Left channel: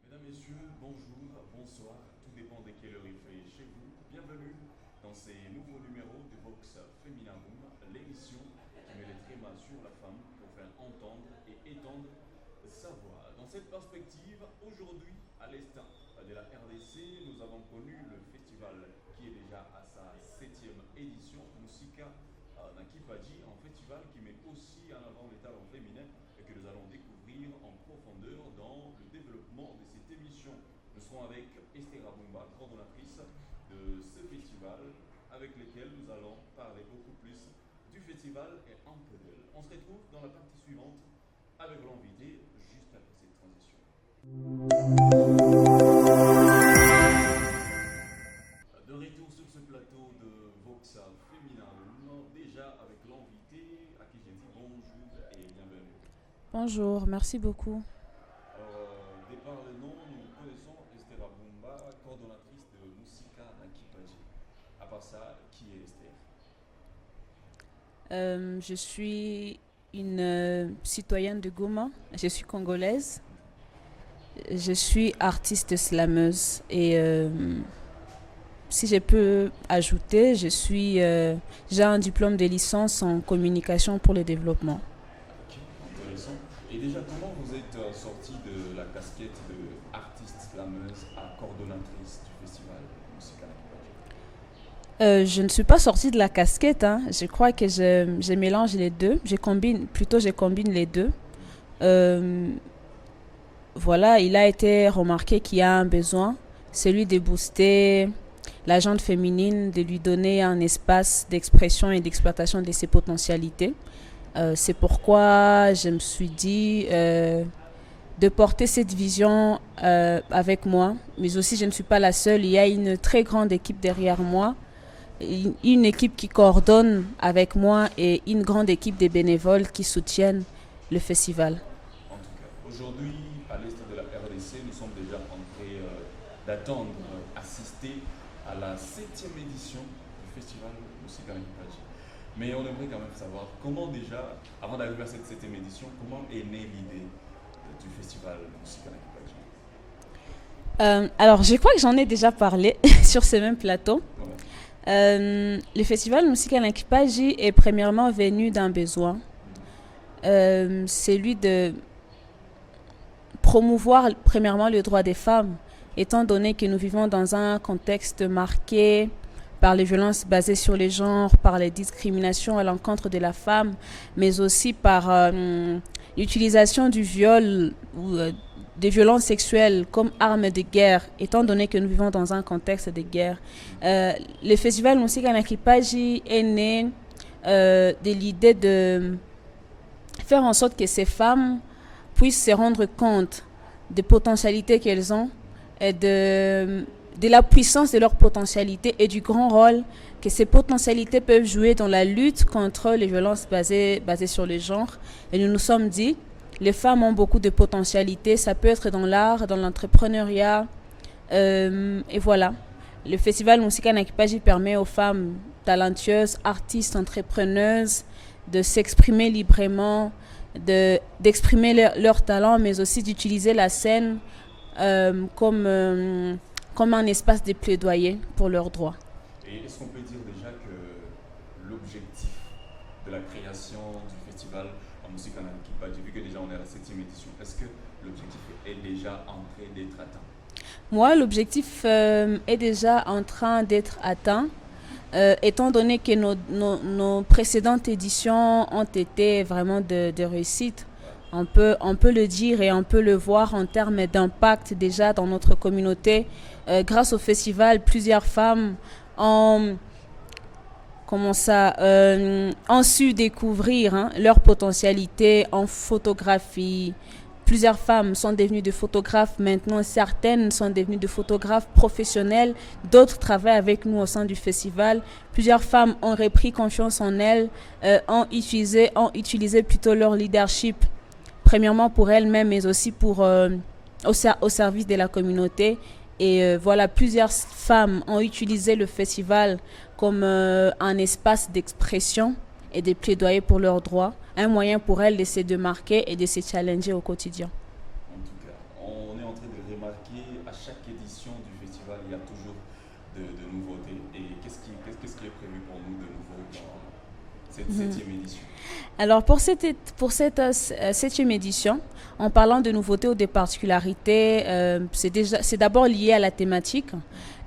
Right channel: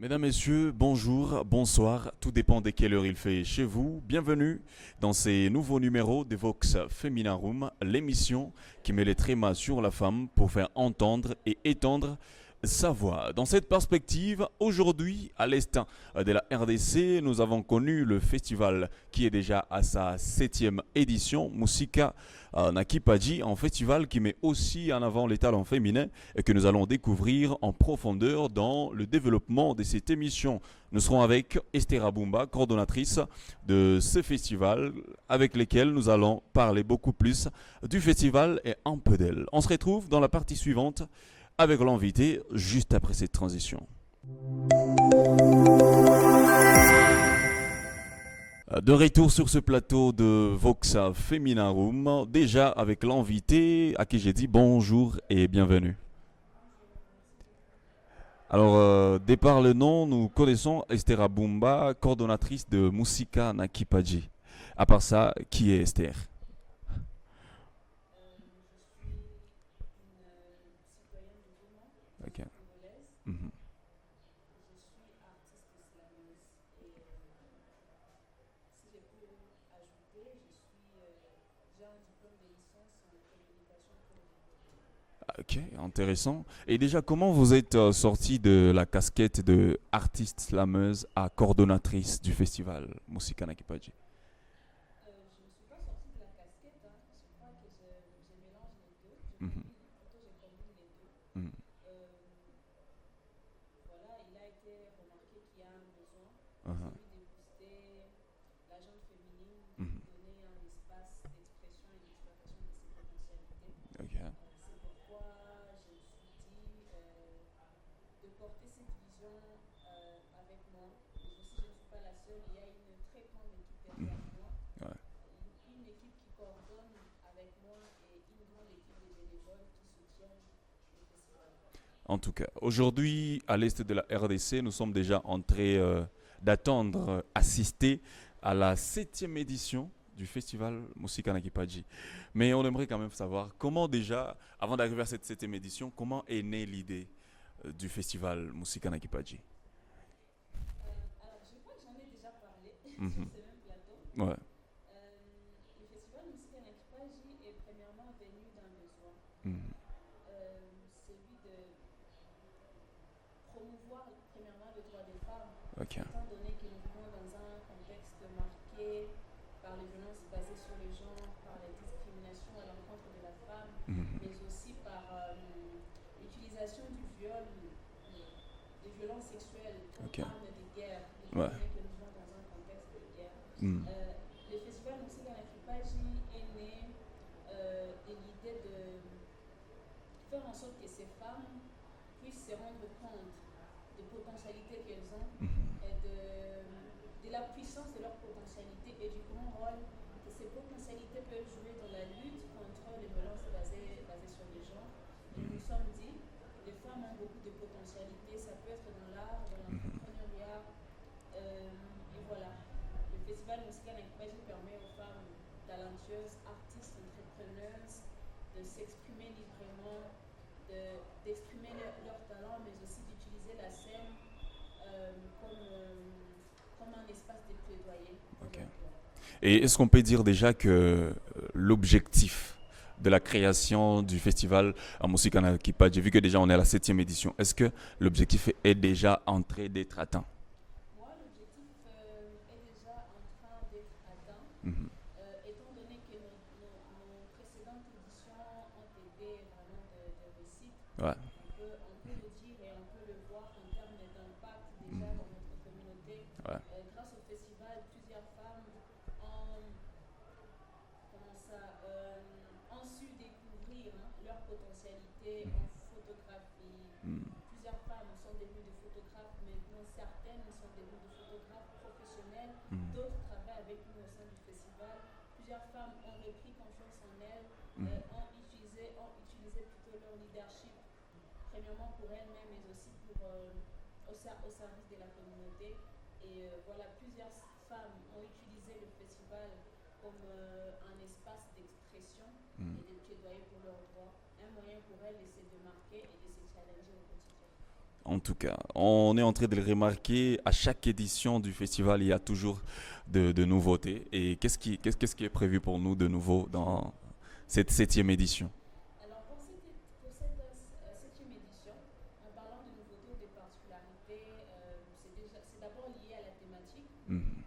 Mesdames, Messieurs, bonjour, bonsoir, tout dépend de quelle heure il fait chez vous. Bienvenue dans ces nouveaux numéros de Vox Femina Room, l'émission qui met les trémas sur la femme pour faire entendre et étendre sa voix. Dans cette perspective, aujourd'hui, à l'est de la RDC, nous avons connu le festival qui est déjà à sa 7e édition, Musika Nakipaji, un festival qui met aussi en avant les talents féminins et que nous allons découvrir en profondeur dans le développement de cette émission. Nous serons avec Esther Abumba, coordonnatrice de ce festival, avec lequel nous allons parler beaucoup plus du festival et un peu d'elle. On se retrouve dans la partie suivante avec l'invité juste après cette transition. De retour sur ce plateau de Voxa Femina Room, déjà avec l'invité à qui j'ai dit bonjour et bienvenue. Bonjour, merci beaucoup. Alors, départ le nom, nous connaissons Esther Abumba, coordonnatrice de Musika Nakipaji. À part ça, qui est Esther? Je suis une citoyenne de Goma, je suis congolaise, je suis artiste slameuse et si je peux ajouter, j'ai un diplôme de licence en communication pour le développement. Ok, intéressant. Et déjà, comment vous êtes sortie de la casquette de artiste slameuse à coordonnatrice du festival Musika Nakipaji? Je ne suis pas sortie de la casquette, hein. Je crois que je mélange les deux, je combine les deux. Voilà, il a été remarqué qu'il y a un besoin, celui de booster la gente féminine, de lui donner un espace d'expression et d'exploitation de ses potentialités. C'est pourquoi je me suis dit de porter cette vision avec moi, mais aussi je ne suis pas la seule, il y a une très grande équipe derrière moi, une équipe qui coordonne avec moi et une grande équipe de bénévoles qui soutiennent le festival. En tout cas, aujourd'hui, à l'est de la RDC, nous sommes déjà en train d'attendre, assister à la 7e édition du festival Musika Nakipaji. Mais on aimerait quand même savoir comment déjà, avant d'arriver à cette 7e édition, comment est née l'idée du festival Musika Nakipaji? Alors, je crois que j'en ai déjà parlé sur ce même plateau. Ouais. Le festival Musika Nakipaji est premièrement venu d'un besoin, celui de promouvoir premièrement le droit des femmes, étant donné que nous vivons dans un contexte marqué par les violences basées sur les genres, par les discriminations à l'encontre de la femme, mais aussi par l'utilisation du viol ou des violences sexuelles comme arme de guerre, étant donné que nous vivons dans un contexte de guerre. Le festival Musika Nakipaji est né de l'idée de faire en sorte que ces femmes puissent se rendre compte des potentialités qu'elles ont et de la puissance de leurs potentialités et du grand rôle que ces potentialités peuvent jouer dans la lutte contre les violences basées sur le genre. Et nous nous sommes dit, les femmes ont beaucoup de potentialités, ça peut être dans l'art, dans l'entrepreneuriat, et voilà. Le festival Musika Nakipaji permet aux femmes talentueuses, artistes, entrepreneuses de s'exprimer librement, d'exprimer leur talent, mais aussi d'utiliser la scène comme un espace de plaidoyer pour leurs droits. Et est-ce qu'on peut dire déjà que l'objectif de la création du festival à Musika Nakipaji, vu que déjà on est à la 7e édition, est-ce que l'objectif est déjà en train d'être atteint? Moi, l'objectif est déjà en train d'être atteint. Étant donné que nos précédentes éditions ont été vraiment de réussite, on peut le dire et on peut le voir en termes d'impact déjà dans notre communauté. Grâce au festival, plusieurs femmes ont su découvrir leur potentialité en photographie. Plusieurs femmes sont devenues des photographes maintenant, certaines sont devenues des photographes professionnels, d'autres travaillent avec nous au sein du festival. Plusieurs femmes ont repris confiance en elles, ont utilisé plutôt leur leadership, premièrement pour elles-mêmes, mais aussi au service de la communauté. Et voilà, plusieurs femmes ont utilisé le festival comme un espace d'expression et de plaidoyer pour leurs droits, un moyen pour elles de se démarquer et de se challenger au quotidien. en tout cas. On est en train de le remarquer, à chaque édition du festival, il y a toujours de nouveautés. Et qu'est-ce qui est prévu pour nous de nouveau dans cette septième édition? Alors pour cette septième édition, en parlant de nouveautés ou de particularités, c'est d'abord lié à la thématique.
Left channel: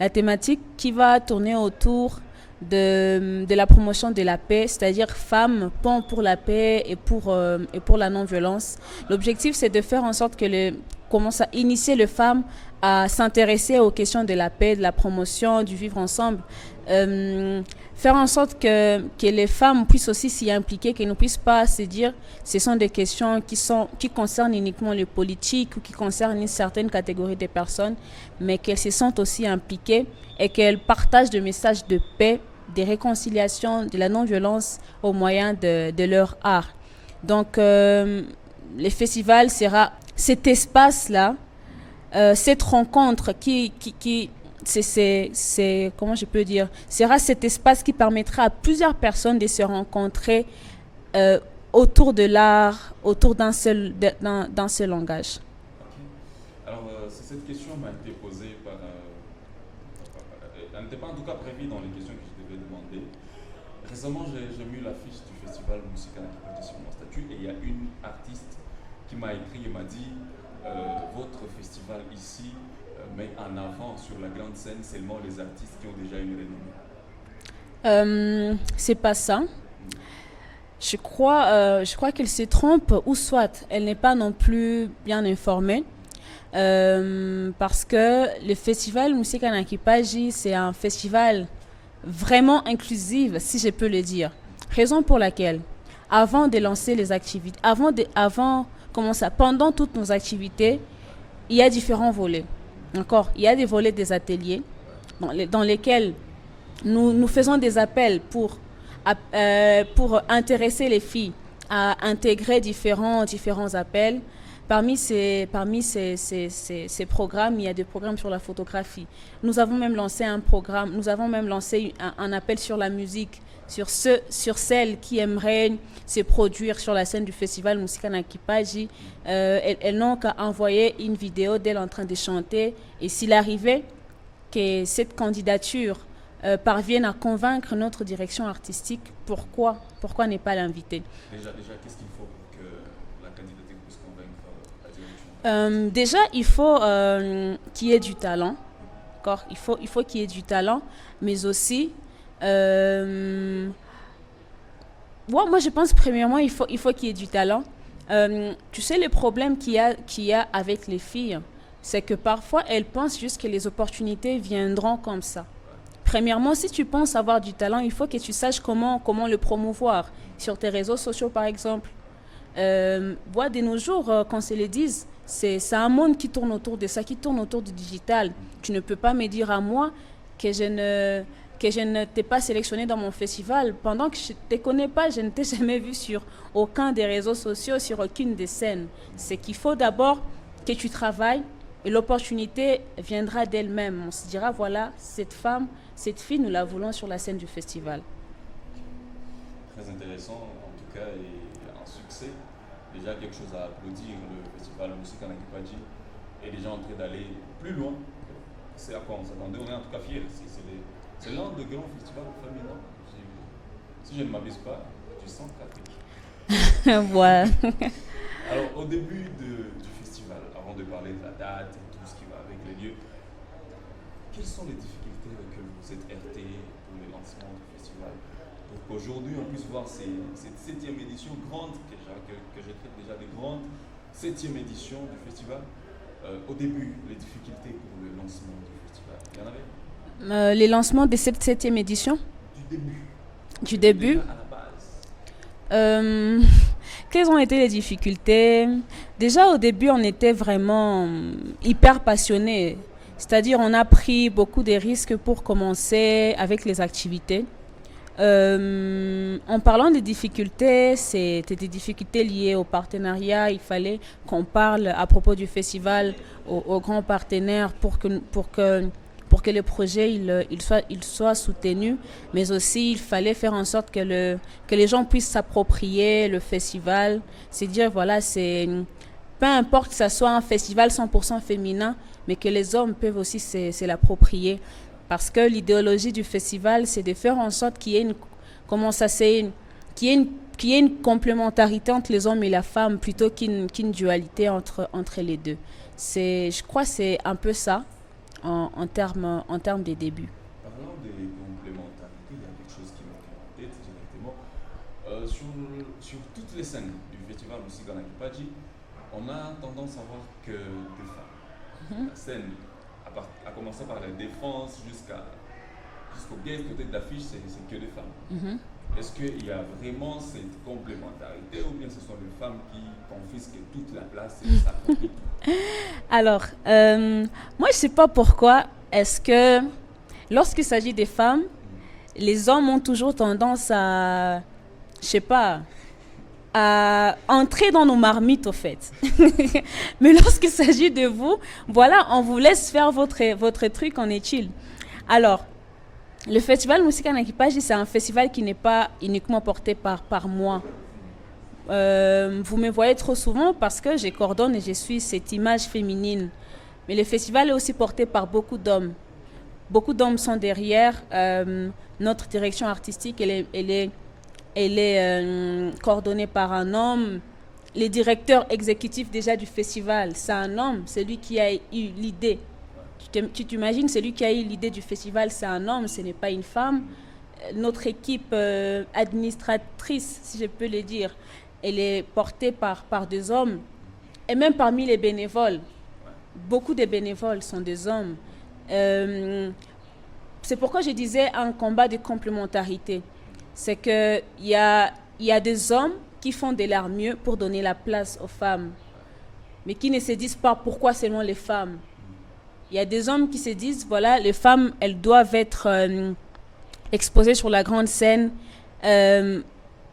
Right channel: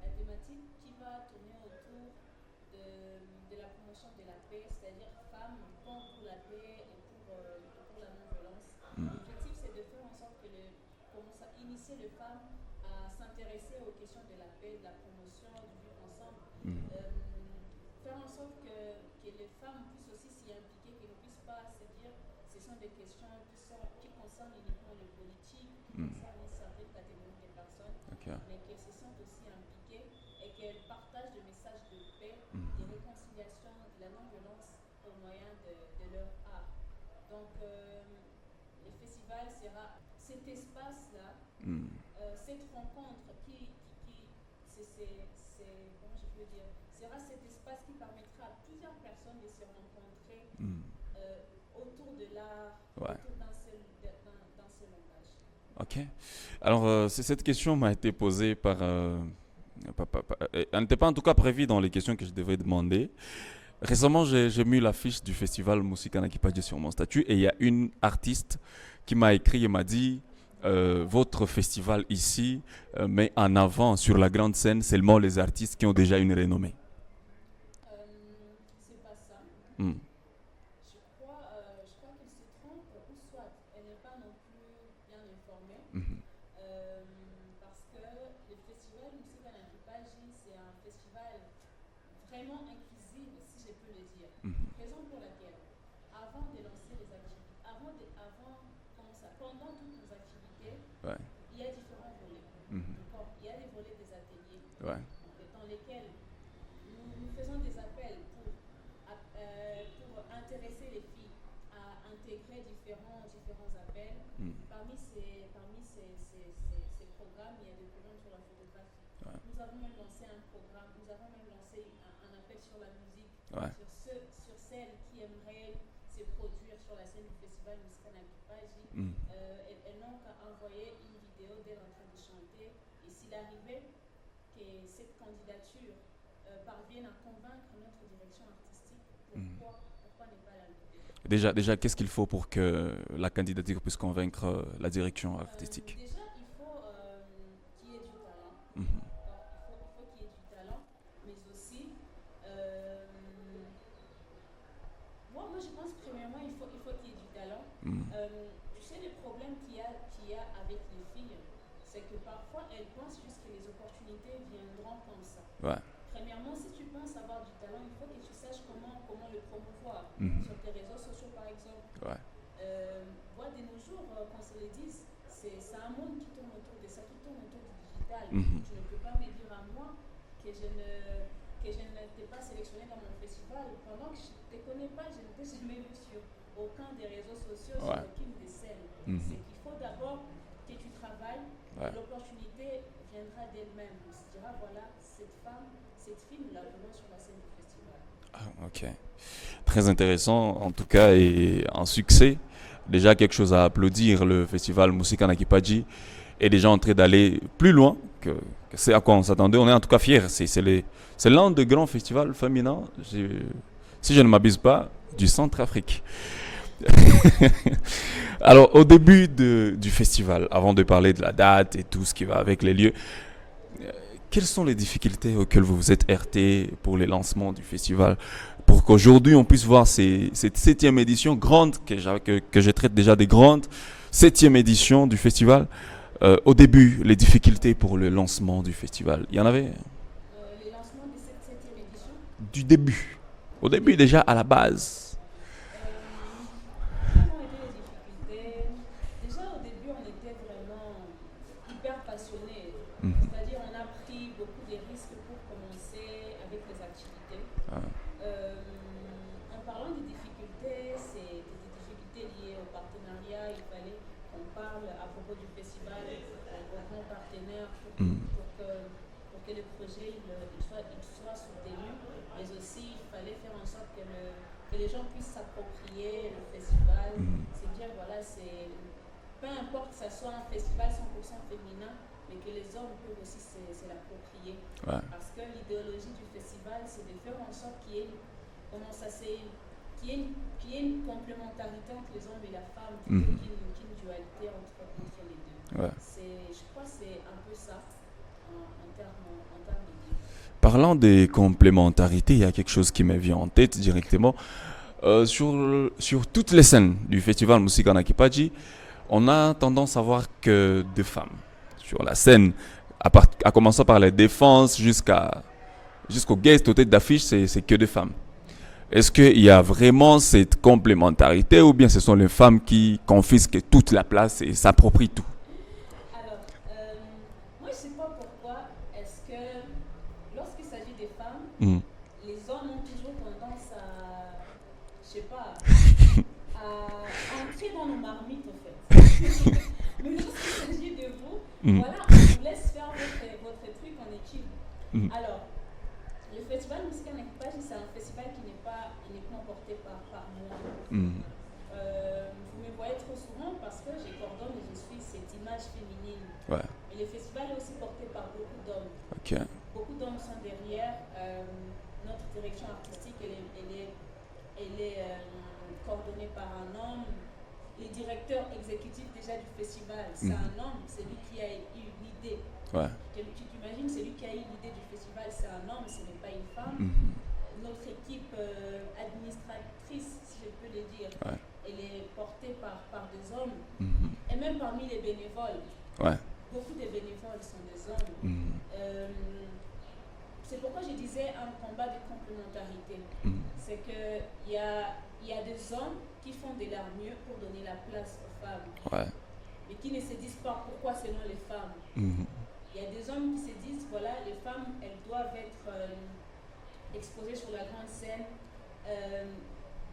La thématique qui va tourner autour de la promotion de la paix, c'est-à-dire femmes, pont pour la paix et pour la non-violence. L'objectif, c'est de faire en sorte que commence à initier les femmes à s'intéresser aux questions de la paix, de la promotion, du vivre ensemble. Faire en sorte que les femmes puissent aussi s'y impliquer, qu'elles ne puissent pas se dire ce sont des questions qui concernent uniquement les politiques ou qui concernent une certaine catégorie de personnes, mais qu'elles se sentent aussi impliquées et qu'elles partagent des messages de paix, de réconciliation, de la non-violence au moyen de leur art. Donc, le festival sera cet espace-là, cette rencontre comment je peux dire, sera cet espace qui permettra à plusieurs personnes de se rencontrer autour de l'art, autour d'un seul langage. Ok. Alors, cette question m'a été posée elle n'était pas en tout cas prévue dans les questions que je devais demander. Récemment, j'ai mis l'affiche du festival Musica Nakipaji sur mon statut et il y a une artiste qui m'a écrit et m'a dit votre festival ici met en avant sur la grande scène seulement les artistes qui ont déjà une renommée. C'est pas ça. Je crois qu'elle se trompe ou soit elle n'est pas non plus bien informée. Parce que le festival Musica Nakipaji, c'est un festival vraiment inclusif, si je peux le dire. Raison pour laquelle, avant de lancer les activités, pendant toutes nos activités, il y a différents volets. D'accord? Il y a des volets des ateliers dans lesquels nous faisons des appels pour intéresser les filles à intégrer différents appels. Parmi ces programmes, il y a des programmes sur la photographie. Nous avons même lancé un appel sur la musique, sur celles qui aimeraient se produire sur la scène du festival Musica Nakipaji. Elles n'ont qu'à envoyer une vidéo d'elles en train de chanter. Et s'il arrivait que cette candidature parvienne à convaincre notre direction artistique, pourquoi ne pas l'inviter? Déjà, qu'est-ce qu'il faut pour que la candidature puisse convaincre la direction artistique? Déjà, il faut qu'il y ait du talent. D'accord? Il faut qu'il y ait du talent, mais aussi moi je pense premièrement il faut qu'il y ait du talent. Tu sais, le problème qu'il y a avec les filles, c'est que parfois elles pensent juste que les opportunités viendront comme ça. Premièrement, si tu penses avoir du talent, il faut que tu saches comment le promouvoir sur tes réseaux sociaux, par exemple. De nos jours, qu'on se le dise, c'est un monde qui tourne autour de ça, qui tourne autour du digital. Tu ne peux pas me dire à moi que je ne t'ai pas sélectionné dans mon festival pendant que je ne te connais pas, je ne t'ai jamais vu sur aucun des réseaux sociaux, sur aucune des scènes. C'est qu'il faut d'abord que tu travailles et l'opportunité viendra d'elle-même. On se dira, voilà, cette fille, nous la voulons sur la scène du festival. Ok. Très intéressant, en tout cas, et un succès. Déjà quelque chose à applaudir, le festival Musica Nakipaji est déjà en train d'aller plus loin que c'est à quoi on s'attendait. On est en tout cas fiers. C'est l'un des grands festivals féminins, si je ne m'abuse pas, du Centrafrique. Alors, au début du festival, avant de parler de la date et tout ce qui va avec les lieux, quelles sont les difficultés auxquelles vous vous êtes heurtés pour les lancements du festival, pour qu'aujourd'hui on puisse voir cette 7e édition grande, que je traite déjà des grandes 7e édition du festival. Au début, les difficultés pour le lancement du festival, il y en avait? Les lancements de cette 7e édition? Du début. Au début, déjà à la base. Quelles ont été les difficultés? Déjà au début, on était vraiment hyper passionnés. C'est-à-dire, on a pris beaucoup de risques pour commencer avec les activités. En parlant des difficultés, c'était des difficultés liées au partenariat. Il fallait qu'on parle à propos du festival aux grands partenaires pour que le projet il soit soutenu, mais aussi il fallait faire en sorte que les gens puissent s'approprier le festival. C'est dire, voilà, peu importe que ça soit un festival 100% féminin, mais que les hommes peuvent aussi se l'approprier. Ouais. Parce que l'idéologie du festival, c'est de faire en sorte qu'il y ait qu'il y ait une complémentarité entre les hommes et la femme plutôt qu'une dualité entre les deux. Ouais. Je crois que c'est un peu ça en termes des débuts. Parlant des complémentarités, il y a quelque chose qui me vient en tête directement. Sur toutes les scènes du festival Musika Nakipaji, on a tendance à voir que deux femmes. Sur la scène, à commencer par les défenses jusqu'au guest, aux têtes d'affiche, c'est que des femmes. Est-ce qu'il y a vraiment cette complémentarité ou bien ce sont les femmes qui confisquent toute la place et s'approprient tout? Alors, moi, je ne sais pas pourquoi est-ce que lorsqu'il s'agit des femmes, les hommes ont toujours tendance à, je sais pas, à entrer dans nos marmites, au fait. Mais lorsqu'il s'agit de vous, voilà, on vous laisse faire votre truc, on est chill. Alors, le festival Musika Nakipaji, c'est un festival qui n'est pas uniquement porté par moi. Vous me voyez trop souvent parce que je coordonne et je suis cette image féminine. Ouais. Mais le festival est aussi porté par beaucoup d'hommes. Okay. Beaucoup d'hommes sont derrière. Notre direction artistique, elle est coordonnée par un homme. Les directeurs exécutifs déjà du festival, c'est un homme. C'est lui qui a eu l'idée. Ouais. Tu t'imagines, celui qui a eu l'idée du festival, c'est un homme, ce n'est pas une femme. Notre équipe administratrice, si je peux le dire, elle est portée par des hommes. Et même parmi les bénévoles, beaucoup de bénévoles sont des hommes. C'est pourquoi je disais un combat de complémentarité. C'est qu'il y a des hommes qui font de leur mieux pour donner la place aux femmes, mais qui ne se disent pas pourquoi seulement les femmes. Il y a des hommes qui se disent, voilà, les femmes, elles doivent être exposées sur la grande scène.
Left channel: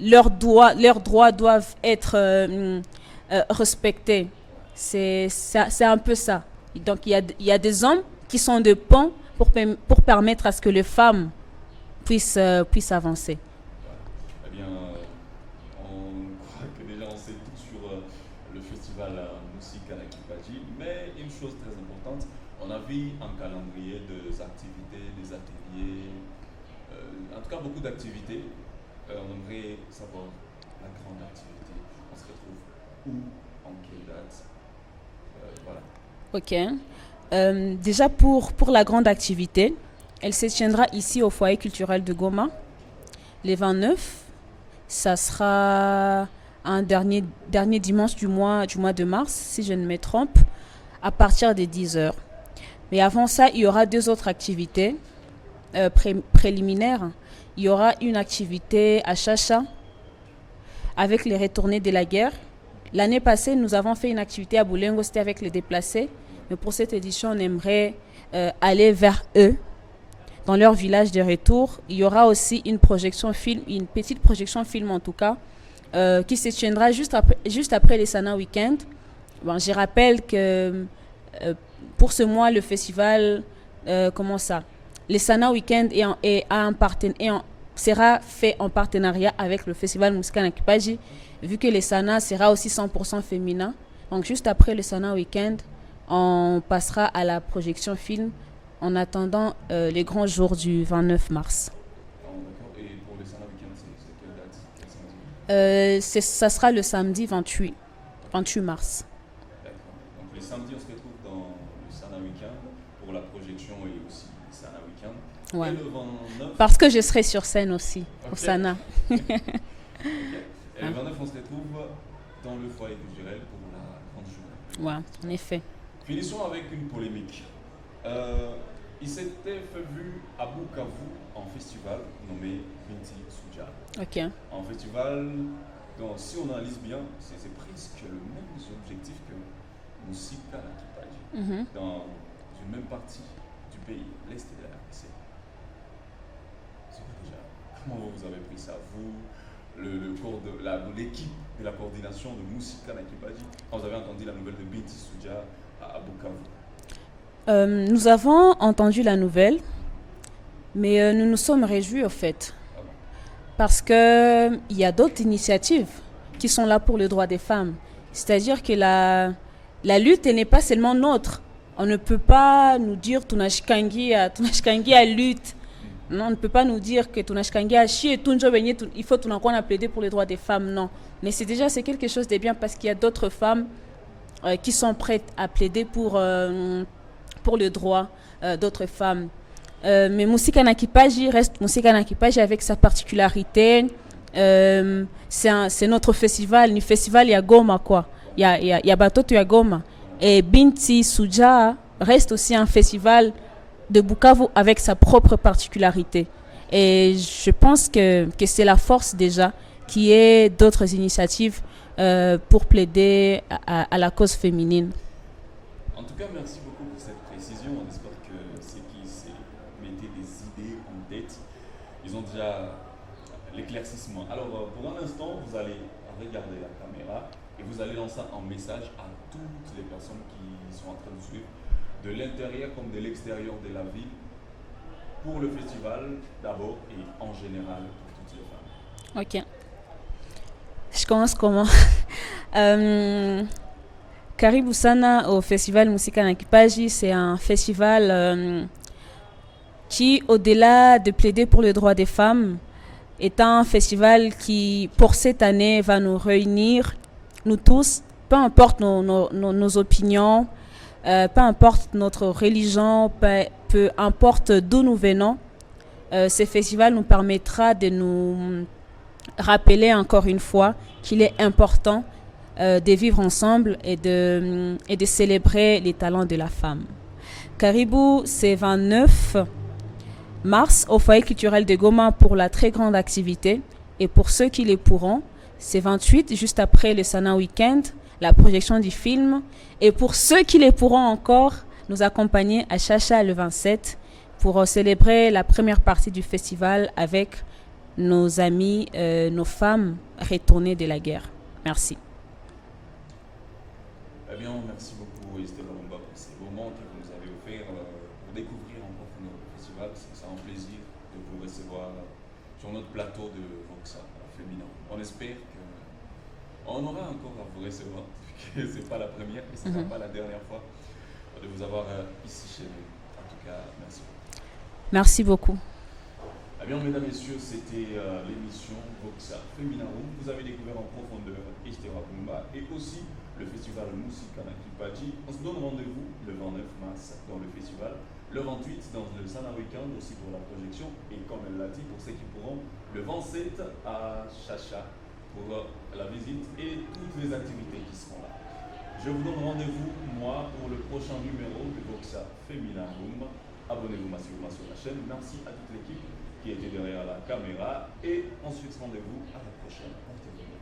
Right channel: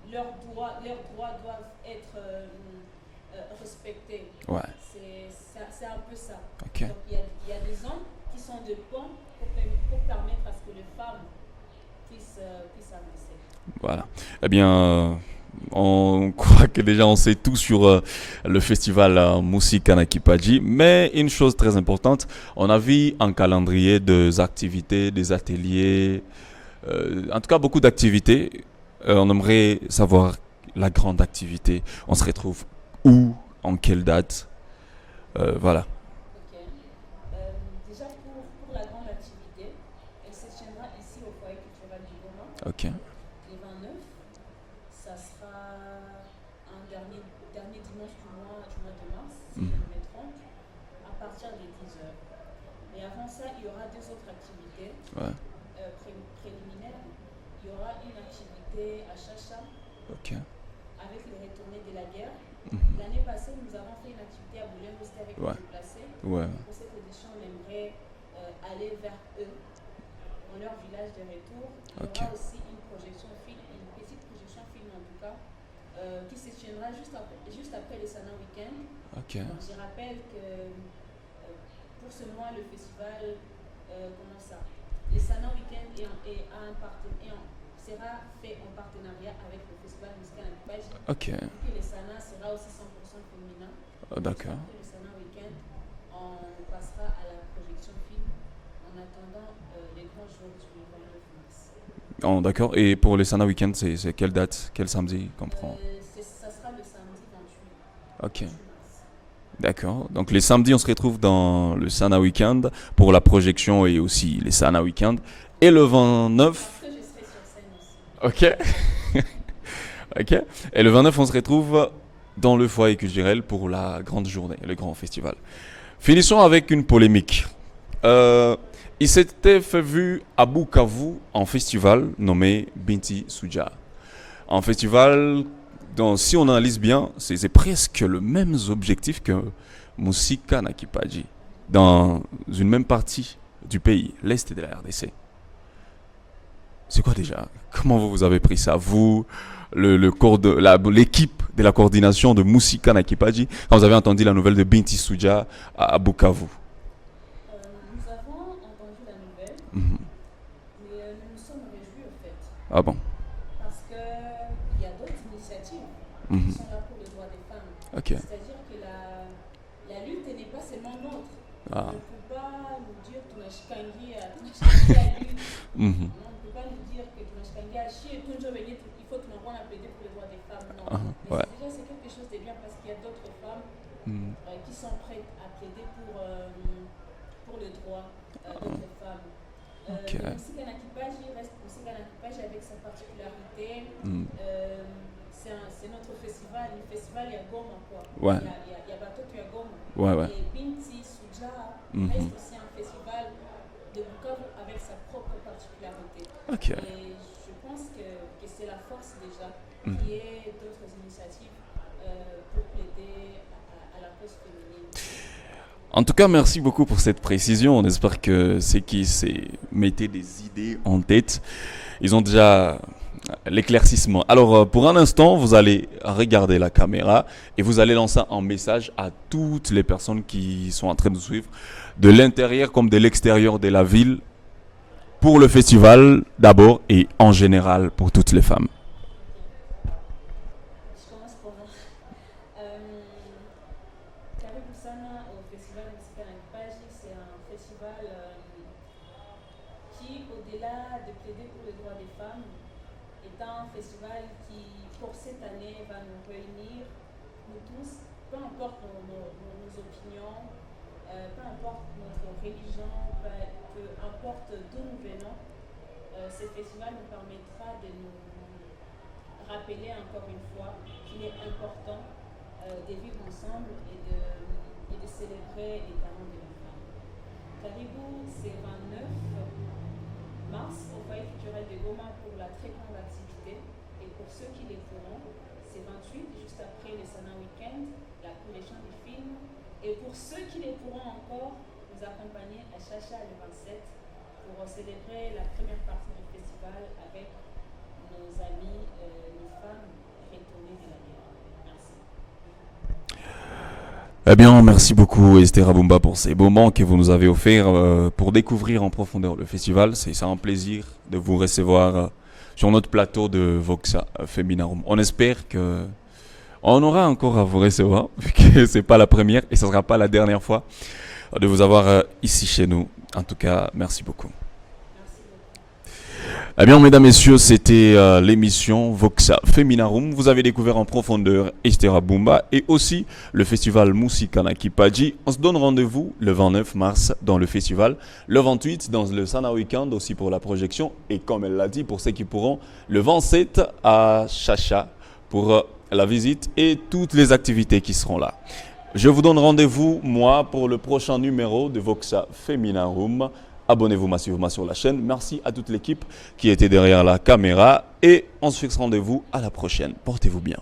Leurs droits doivent être respectés. C'est un peu ça. Okay. Donc, il y a des hommes qui sont de pont pour permettre à ce que les femmes puissent avancer. Voilà. Eh bien, on croit que déjà on sait tout sur le festival Musika Nakipaji, mais une chose très importante, on a vu un calendrier des activités, des ateliers, en tout cas beaucoup d'activités. On aimerait savoir la grande activité. On se retrouve où, en quelle date, voilà. Ok. Déjà pour la grande activité, elle se tiendra ici au foyer culturel de Goma. Okay. Les 29. Ça sera un dernier dimanche du mois de mars, si je ne me trompe, à partir de 10h. Mais avant ça, il y aura 2 autres activités préliminaires. Il y aura une activité à Chacha, avec les retournés de la guerre. L'année passée, nous avons fait une activité à Boulengo, c'était avec les déplacés. Mais pour cette édition, on aimerait aller vers eux, dans leur village de retour. Il y aura aussi une projection film, une petite projection film en tout cas, qui se tiendra juste après les Sana Weekend. Bon, je rappelle que pour ce mois, le festival, les Sana Weekend sera fait en partenariat avec le festival Musika Nakipaji, vu que les Sana sera aussi 100% féminin. Donc juste après le Sana Weekend, on passera à la projection film en attendant les grands jours du 29 mars. Oh, d'accord. Et pour les Sana Weekend, c'est quelle date? Quel samedi? Ça sera le samedi 28 mars. D'accord. Donc les samedis, on se retrouve dans le Sana Weekend pour la projection et aussi les Sana Weekend. Et le 29... Parce que je serai sur scène aussi. Sana. Et le 29, on se retrouve dans le foyer culturel pour la grande journée, le grand festival. Finissons avec une polémique. Il s'était fait vu à Bukavu en festival nommé Binti Suja. Un festival dont, si on analyse bien, c'est presque le même objectif que Musika Nakipaji, dans une même partie du pays, l'Est de la RDC. C'est quoi déjà? Comment vous avez pris ça, vous, l'équipe de la coordination de Musika Nakipaji, quand vous avez entendu la nouvelle de Binti Suja à Bukavu? Nous avons entendu la nouvelle, mais nous nous sommes réjouis au fait. Ah bon? Parce qu'il y a d'autres initiatives. qui sont là pour le droit des femmes. Ok. C'est-à-dire que la lutte elle n'est pas seulement nôtre. On ne peut pas nous dire Tunashkangi a lutte. Non, on ne peut pas nous dire que Tunashkangi a chié, il faut qu'on a plaidé pour les droits des femmes. Non. Mais c'est quelque chose de bien parce qu'il y a d'autres femmes qui sont prêtes à plaider pour le droit d'autres femmes. Mais Musika Nakipaji reste Musika Nakipaji avec sa particularité. C'est notre festival, le festival ya Goma quoi. Il y a Batoto ya Goma. Et Binti Suja reste aussi un festival de Bukavu avec sa propre particularité. Et je pense que c'est la force déjà qui est d'autres initiatives pour plaider à la cause féminine. En tout cas, merci beaucoup pour cette précision. On espère que ceux qui se mettaient des idées en tête, ils ont déjà l'éclaircissement. Alors, pour un instant, vous allez regarder la caméra et vous allez lancer un message à toutes les personnes qui sont en train de suivre, de l'intérieur comme de l'extérieur de la ville, pour le festival d'abord et en général pour toutes les femmes. Ok. Je commence comment Karibu sana au festival Musika Nakipaji, c'est un festival qui, au-delà de plaider pour le droit des femmes, est un festival qui, pour cette année, va nous réunir, nous tous, peu importe nos opinions, peu importe notre religion, peu importe d'où nous venons. Ce festival nous permettra de nous rappeler encore une fois qu'il est important de vivre ensemble et de célébrer les talents de la femme. Caribou, c'est 29 mars au foyer culturel de Goma pour la très grande activité. Et pour ceux qui les pourront, c'est 28, juste après le Sana Weekend, la projection du film. Et pour ceux qui les pourront encore, nous accompagner à Chacha le 27 pour célébrer la première partie du festival avec nos amis, nos femmes retournées de la guerre. Merci. Eh bien, merci beaucoup Esther Abumba pour ces moments que vous nous avez offerts pour découvrir en profondeur le festival. C'est un plaisir de vous recevoir sur notre plateau de Voxa Feminarum. On espère qu'on aura encore à vous recevoir, vu que ce n'est pas la première et ce ne sera pas la dernière fois de vous avoir ici chez nous. En tout cas, merci beaucoup. Merci beaucoup. Eh bien, mesdames, messieurs, c'était l'émission Voxa Feminarum. Vous avez découvert en profondeur Esther Abumba et aussi le festival Musika Nakipaji. On se donne rendez-vous le 29 mars dans le festival, le 28 dans le Sana Weekend aussi pour la projection et comme elle l'a dit, pour ceux qui pourront, le 27 à Chacha pour la visite et toutes les activités qui seront là. Je vous donne rendez-vous, moi, pour le prochain numéro de Voxa Feminarum. Abonnez-vous massivement sur la chaîne. Merci à toute l'équipe qui était derrière la caméra. Et on se fixe rendez-vous à la prochaine. Portez-vous bien.